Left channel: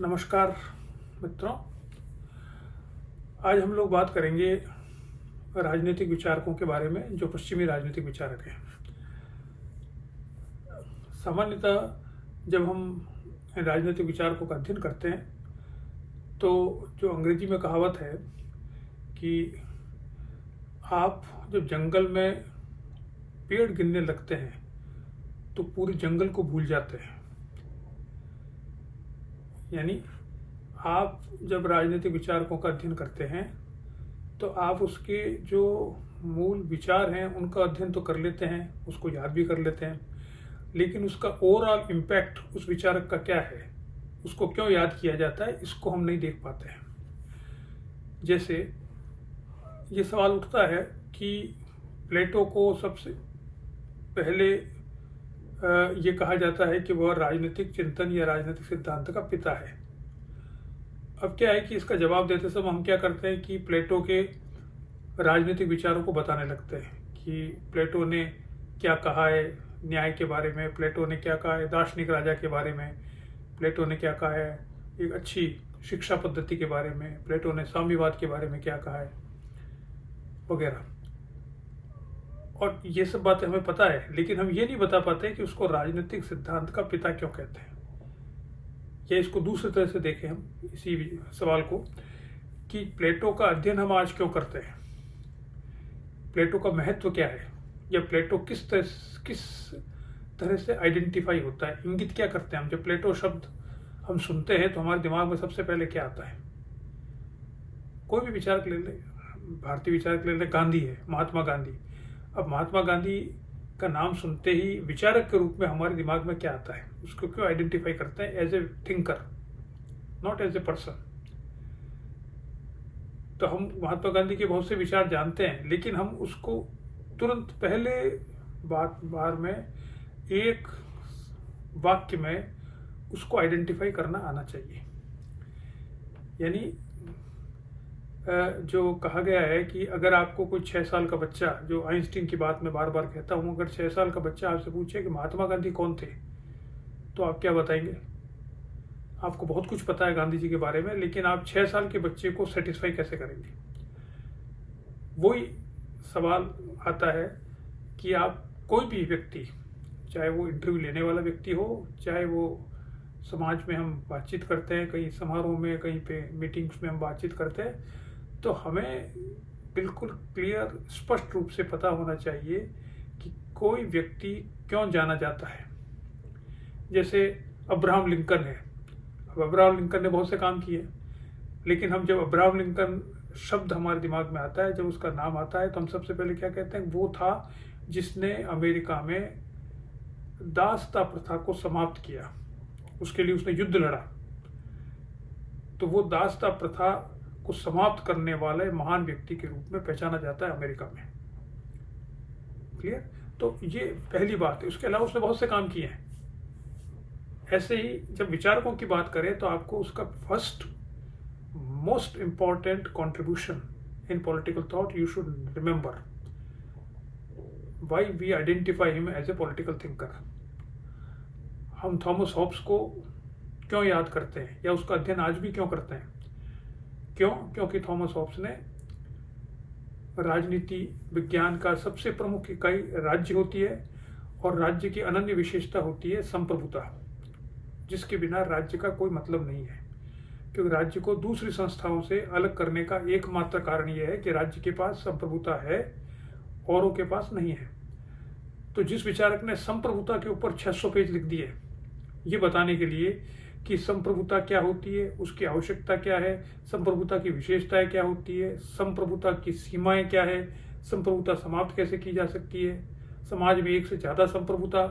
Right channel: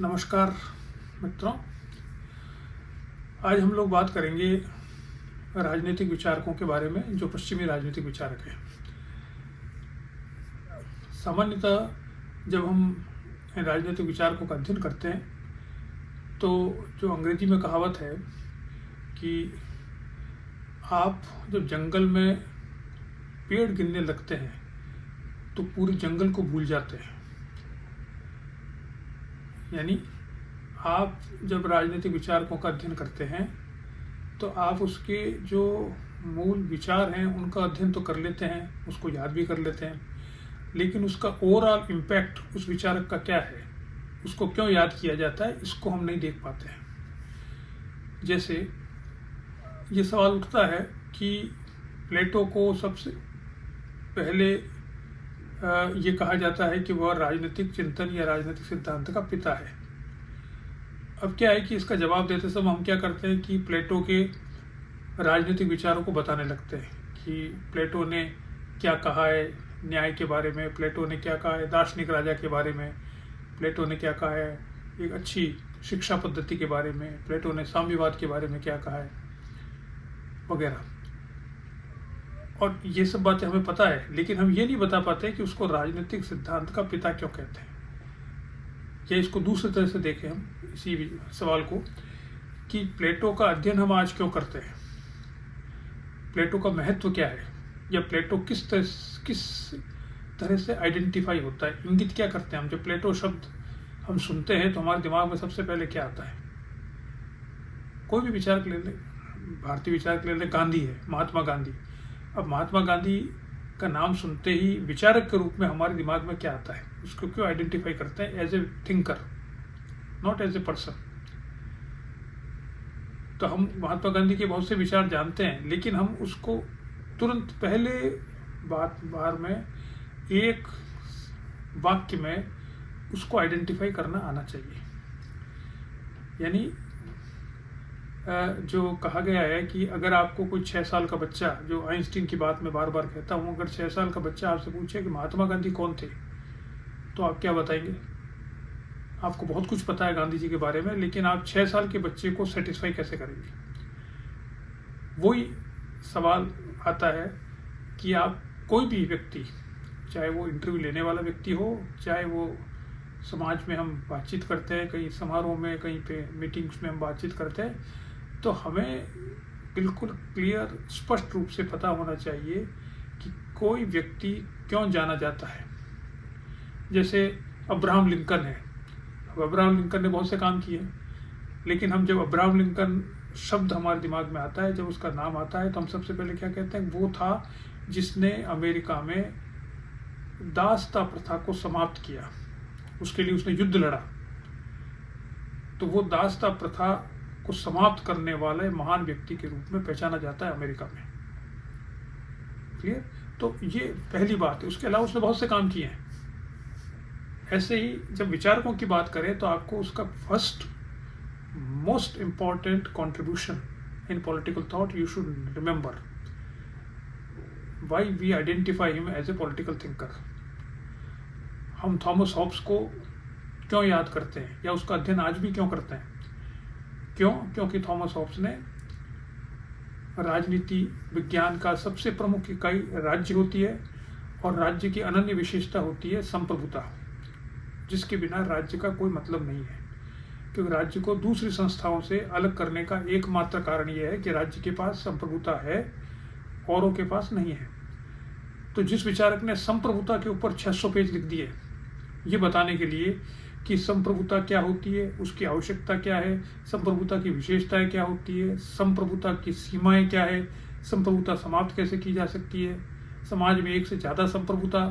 नमस्कार मित्रों। आज हम लोग बात करेंगे राजनीतिक विचारकों के बारे में जो पश्चिमी राजनीतिक विचारक हैं। सामान्यतः जब हम राजनीतिक विचारकों का अध्ययन करते हैं तो जो अंग्रेजी में कहावत है कि आप जब जंगल में पेड़ गिनने लगते हैं तो पूरे जंगल को भूल जाते हैं। यानी आप जब राजनीतिक विचारकों का अध्ययन करते हैं तो आप उसके जो मूल विचार हैं उनका अध्ययन तो कर लेते हैं, उसको याद भी कर लेते हैं, लेकिन उसका ओवरऑल इम्पैक्ट उस विचारक का क्या है, उसको क्यों याद किया जाता है, इसको हम नहीं देख पाते हैं। जैसे ये सवाल उठता है कि प्लेटो को सबसे पहले ये कहा जाता है कि वह राजनीतिक चिंतन या राजनीतिक सिद्धांत का पिता है। अब क्या है कि इसका जवाब देते समय हम क्या करते हैं कि प्लेटो के राजनीतिक विचारों को बताने लगते हैं कि प्लेटो ने क्या कहा है न्याय के बारे में, प्लेटो ने क्या कहा है दार्शनिक राजा के बारे में, प्लेटो ने क्या कहा है एक अच्छी शिक्षा पद्धति के बारे में, प्लेटो ने साम्यवाद के बारे में क्या कहा है वगैरह। और ये सब बातें हमें पता है, लेकिन हम ये नहीं बता पाते कि उसको राजनीतिक सिद्धांत का पिता क्यों कहते हैं। या इसको दूसरी तरह से देखें हम इसी सवाल को कि प्लेटो का अध्ययन हम आज क्यों करते हैं, प्लेटो का महत्व क्या है, या प्लेटो किस तरह से आइडेंटिफाई होता है, इंगित क्या करते हैं हम। जब प्लेटो शब्द हम सुनते हैं तो हमारे दिमाग में सबसे पहले क्या आता है। कोई भी विचारक ले ले, भारतीय विचारक ले ले, गांधी है, महात्मा गांधी। अब महात्मा गांधी का नाम सुनते ही विचारक के रूप में हमारे दिमाग में क्या आता है, उसको क्यों आइडेंटिफाई करते हैं as a thinker, not as a person. तो हम महात्मा गांधी के बहुत से विचार जानते हैं, लेकिन हम उसको तुरंत पहले बार में एक वाक्य में उसको आइडेंटिफाई करना आना चाहिए। यानी जो कहा गया है कि अगर आपको कोई 6 साल का बच्चा, जो आइंस्टीन की बात मैं बार बार कहता हूँ, अगर 6 साल का बच्चा आपसे पूछे कि महात्मा गांधी कौन थे तो आप क्या बताएंगे। आपको बहुत कुछ पता है गांधी जी के बारे में, लेकिन आप 6 साल के बच्चे को सेटिस्फाई कैसे करेंगे। वही सवाल आता है कि आप कोई भी व्यक्ति, चाहे वो इंटरव्यू लेने वाला व्यक्ति हो, चाहे वो समाज में हम बातचीत करते हैं, कहीं समारोह में, कहीं पे मीटिंग्स में हम बातचीत करते हैं, तो हमें बिल्कुल क्लियर स्पष्ट रूप से पता होना चाहिए कि कोई व्यक्ति क्यों जाना जाता है। जैसे अब्राहम लिंकन है। अब अब्राहम लिंकन ने बहुत से काम किए, लेकिन हम जब अब्राहम लिंकन शब्द हमारे दिमाग में आता है, जब उसका नाम आता है, तो हम सबसे पहले क्या कहते हैं, वो था जिसने अमेरिका में दासता प्रथा को समाप्त किया, उसके लिए उसने युद्ध लड़ा। तो वो दासता प्रथा को समाप्त करने वाले महान व्यक्ति के रूप में पहचाना जाता है अमेरिका में। क्लियर। तो ये पहली बात है। उसके अलावा उसने बहुत से काम किए हैं। ऐसे ही जब विचारकों की बात करें तो आपको उसका first most important contribution in political thought you should remember why we identify him as a political thinker. हम थॉमस हॉब्स को क्यों याद करते हैं या उसका अध्ययन आज भी क्यों करते हैं। क्यों? क्योंकि थॉमस हॉब्स ने राजनीति विज्ञान का सबसे प्रमुख इकाई राज्य होती है, और राज्य की अनन्य विशेषता होती है संप्रभुता, जिसके बिना राज्य का कोई मतलब नहीं है। क्योंकि राज्य को दूसरी संस्थाओं से अलग करने का एकमात्र कारण यह है कि राज्य के पास संप्रभुता है, औरों के पास नहीं है। तो जिस विचारक ने संप्रभुता के ऊपर 600 पेज लिख दिए ये बताने के लिए कि संप्रभुता क्या होती है, उसकी आवश्यकता क्या है, संप्रभुता की विशेषताएं क्या होती है, संप्रभुता की सीमाएं क्या है, संप्रभुता समाप्त कैसे की जा सकती है, समाज में एक से ज़्यादा संप्रभुता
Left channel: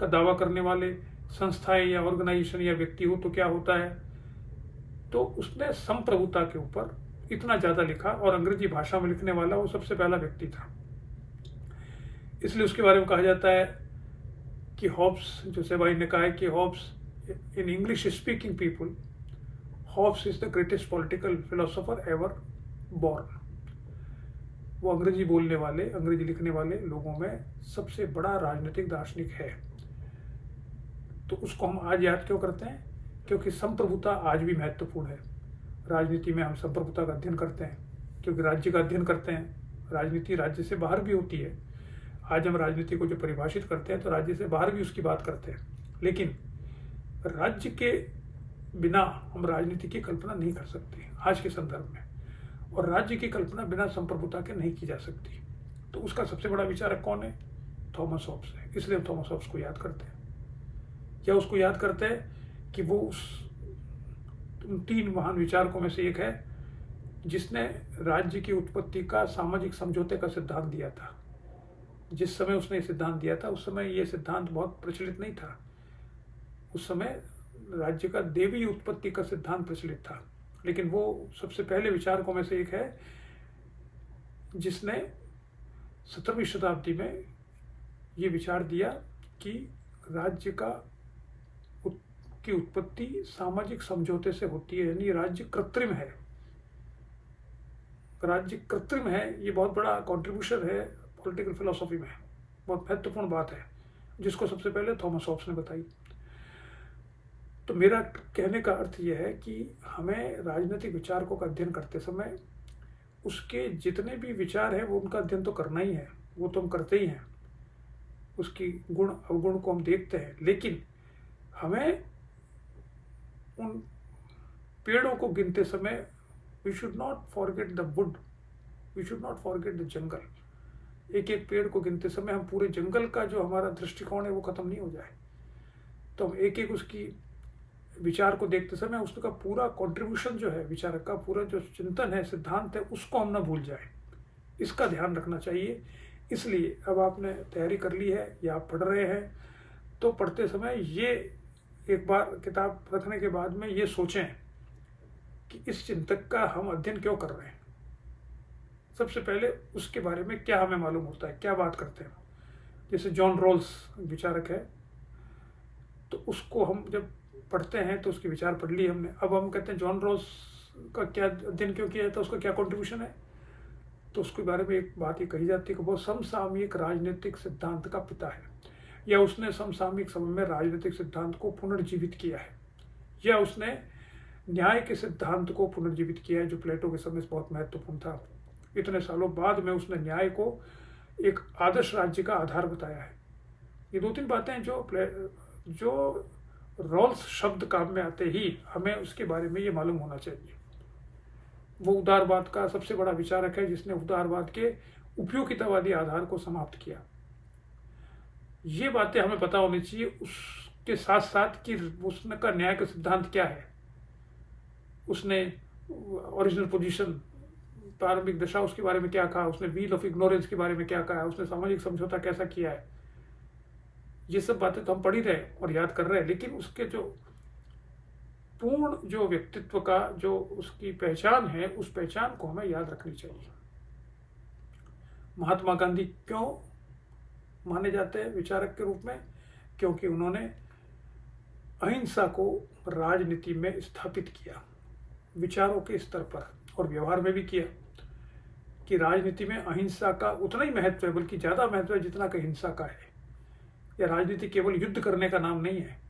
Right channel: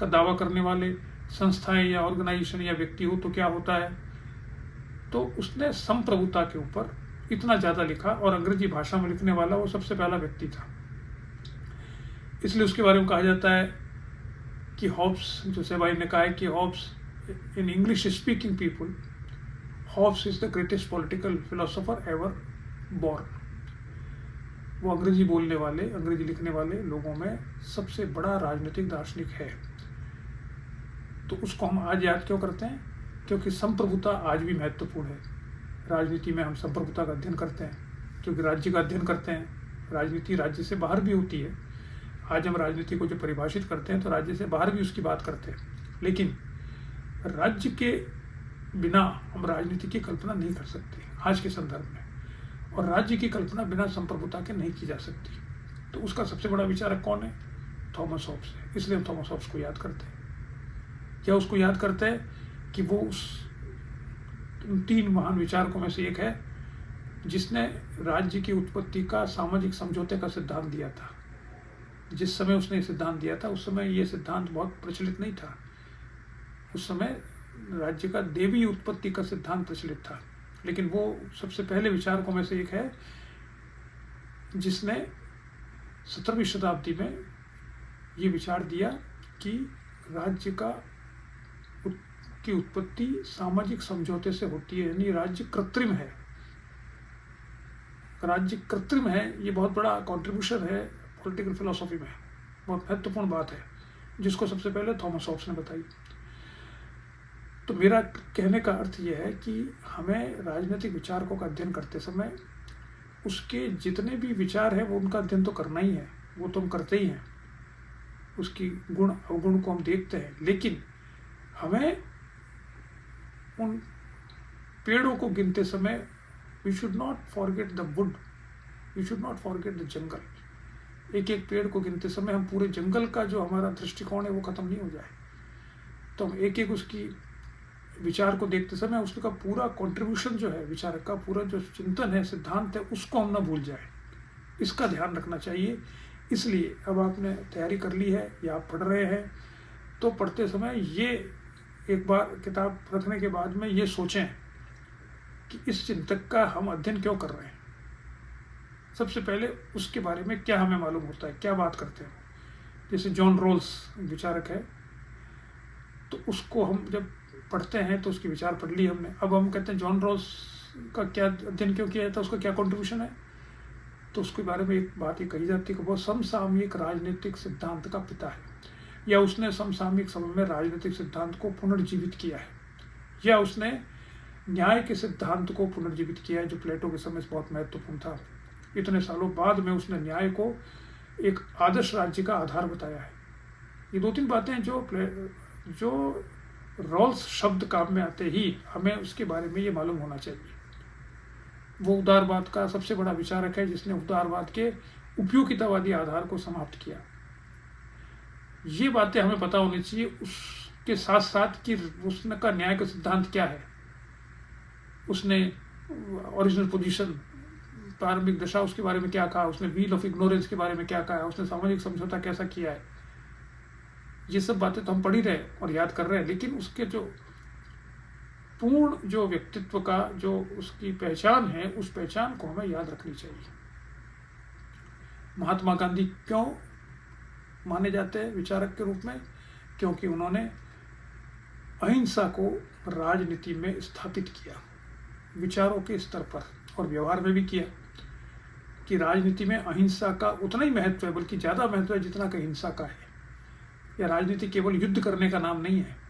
का दावा करने वाले संस्थाएं या ऑर्गेनाइजेशन या व्यक्ति हो तो क्या होता है। तो उसने संप्रभुता के ऊपर इतना ज़्यादा लिखा, और अंग्रेजी भाषा में लिखने वाला वो सबसे पहला व्यक्ति था। इसलिए उसके बारे में कहा जाता है कि हॉब्स, जो भाई ने कहा है कि Hobbs in English speaking people, Hobbes is the greatest political philosopher ever born। वो अंग्रेजी बोलने वाले, अंग्रेजी लिखने वाले लोगों में सबसे बड़ा राजनीतिक दार्शनिक है। तो उसको हम आज याद क्यों करते हैं, क्योंकि संप्रभुता आज भी महत्वपूर्ण है। राजनीति में हम संप्रभुता का अध्ययन करते हैं, क्योंकि राज्य का अध्ययन करते हैं। राजनीति राज्य से बाहर भी होती है। आज हम राजनीति को जो परिभाषित करते हैं तो राज्य से बाहर भी उसकी बात करते हैं, लेकिन राज्य के बिना हम राजनीति की कल्पना नहीं कर सकते आज के संदर्भ में, और राज्य की कल्पना बिना संप्रभुता के नहीं की जा सकती। तो उसका सबसे बड़ा विचारक कौन है? थॉमस हॉब्स है। इसलिए हम थॉमस हॉब्स को याद करते हैं। क्या उसको याद करते हैं कि वो उस 3 महान विचारकों में से एक है जिसने राज्य की उत्पत्ति का सामाजिक समझौते का सिद्धांत दिया था। जिस समय उसने सिद्धांत दिया था उस समय ये सिद्धांत बहुत प्रचलित नहीं था। उस समय राज्य का देवी उत्पत्ति का सिद्धांत प्रचलित था, लेकिन वो सबसे पहले विचारकों में से एक है जिसने 17वीं शताब्दी में ये विचार दिया कि राज्य की उत्पत्ति सामाजिक समझौते से होती है, यानी राज्य कृत्रिम है। राज्य कृत्रिम है, ये बहुत बड़ा कंट्रीब्यूशन है पॉलिटिकल फिलोसॉफी में, बहुत महत्वपूर्ण बात है जिसको सबसे पहले थॉमस हॉब्स ने बताई। तो मेरा कहने का अर्थ यह है कि हमें राजनीतिक विचारकों का अध्ययन करते समय उसके जितने भी विचार हैं वो उनका अध्ययन तो करना ही है, वो तो हम करते ही हैं। उसकी गुण अवगुण को हम देखते हैं, लेकिन हमें उन पेड़ों को गिनते समय we should not forget the wood, we should not forget the jungle. एक एक पेड़ को गिनते समय हम पूरे जंगल का जो हमारा दृष्टिकोण है वो खत्म नहीं हो जाए। तो हम एक एक उसकी विचार को देखते समय उसका पूरा कंट्रीब्यूशन जो है, विचारक का पूरा जो चिंतन है, सिद्धांत है, उसको हम ना भूल जाए। इसका ध्यान रखना चाहिए। इसलिए अब आपने तैयारी कर ली है या आप पढ़ रहे हैं तो पढ़ते समय ये एक बार किताब रखने के बाद में ये सोचें कि इस चिंतक का हम अध्ययन क्यों कर रहे हैं। सबसे पहले उसके बारे में क्या हमें मालूम होता है, क्या बात करते हैं। जैसे जॉन रॉल्स विचारक है, तो उसको हम जब पढ़ते हैं तो उसके विचार पढ़ लिए हमने। अब हम कहते हैं जॉन रॉल्स का क्या अध्ययन क्यों किया था, उसका क्या कंट्रीब्यूशन है। तो उसके बारे में एक बात ये कही जाती है कि वो समसामयिक राजनीतिक सिद्धांत का पिता है, या उसने समसामयिक समय में राजनीतिक सिद्धांत को पुनर्जीवित किया है, या उसने न्याय के सिद्धांत को पुनर्जीवित किया है जो प्लेटो के समय से बहुत महत्वपूर्ण था। इतने सालों बाद में उसने न्याय को एक आदर्श राज्य का आधार बताया है। ये 2-3 बातें जो रॉल्स शब्द काम में आते ही हमें उसके बारे में ये मालूम होना चाहिए। वो उदारवाद का सबसे बड़ा विचारक है जिसने उदारवाद के उपयोगितावादी आधार को समाप्त किया। ये बातें हमें पता होनी चाहिए। उसके साथ साथ कि उसने का न्याय का सिद्धांत क्या है, उसने ओरिजिनल पोजीशन, प्रारंभिक दशा, उसके बारे में क्या कहा, उसने व्हील ऑफ इग्नोरेंस के बारे में क्या कहा, उसने सामाजिक समझौता कैसा किया है। ये सब बातें तो हम पढ़ ही रहे और याद कर रहे हैं, लेकिन उसके जो पूर्ण जो व्यक्तित्व का जो उसकी पहचान है, उस पहचान को हमें याद रखनी चाहिए। महात्मा गांधी क्यों माने जाते हैं विचारक के रूप में? क्योंकि उन्होंने अहिंसा को राजनीति में स्थापित किया, विचारों के स्तर पर और व्यवहार में भी किया, कि राजनीति में अहिंसा का उतना ही महत्व है, बल्कि ज़्यादा महत्व है जितना कि हिंसा का है। या राजनीति केवल युद्ध करने का नाम नहीं है।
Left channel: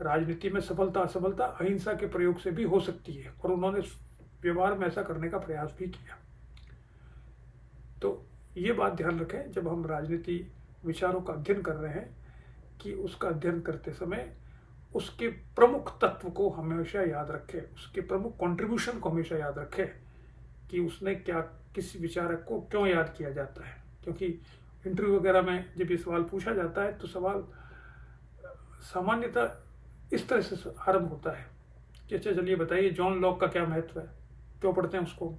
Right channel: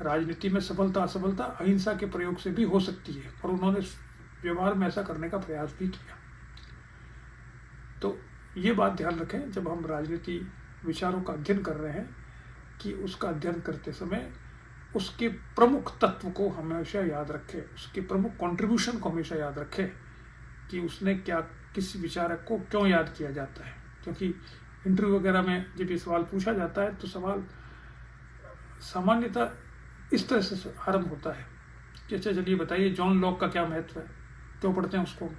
राजनीति में सफलता असफलता अहिंसा के प्रयोग से भी हो सकती है, और उन्होंने व्यवहार में ऐसा करने का प्रयास भी किया। तो ये बात ध्यान रखें जब हम राजनीति विचारों का अध्ययन कर रहे हैं कि उसका अध्ययन करते समय उसके प्रमुख तत्व को हमेशा याद रखें, उसके प्रमुख कंट्रीब्यूशन को हमेशा याद रखें कि उसने क्या, किस विचारक को क्यों याद किया जाता है। क्योंकि इंटरव्यू वगैरह में जब ये सवाल पूछा जाता है तो सवाल सामान्यतः इस तरह से आरंभ होता है कि अच्छा चलिए बताइए जॉन लॉक का क्या महत्व है, क्यों पढ़ते हैं उसको।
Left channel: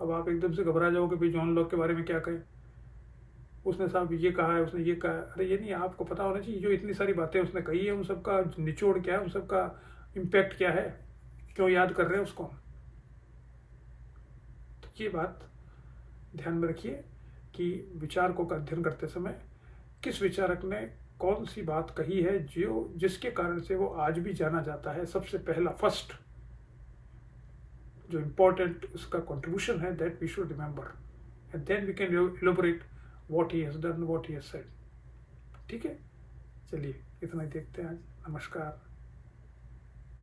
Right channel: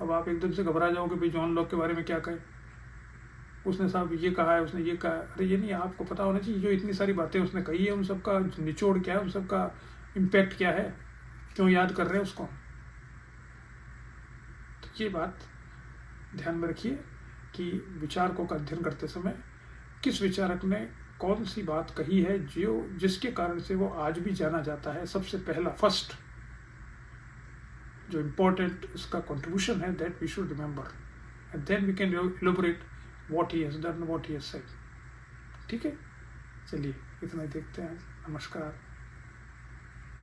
अब आप एकदम से घबरा जाओगे भाई जॉन लॉक के बारे में क्या कहें, उसने साहब ये कहा है, उसने ये कहा। अरे ये नहीं, आपको पता होना चाहिए जो इतनी सारी बातें उसने कही है उन सबका निचोड़ क्या है, उन सबका इम्पैक्ट क्या है, क्यों याद कर रहे हैं उसको। तो ये बात ध्यान में रखिए कि विचारकों का अध्ययन करते समय किस विचारक ने कौन सी बात कही है जो जिसके कारण से वो आज भी जाना जाता है। सबसे पहला फर्स्ट जो इम्पोर्टेंट इसका कंट्रीब्यूशन है, that we should remember, and then we can elaborate what he has done, what he has said. ठीक है, चलिए इतना ही देखते हैं आज। नमस्कार।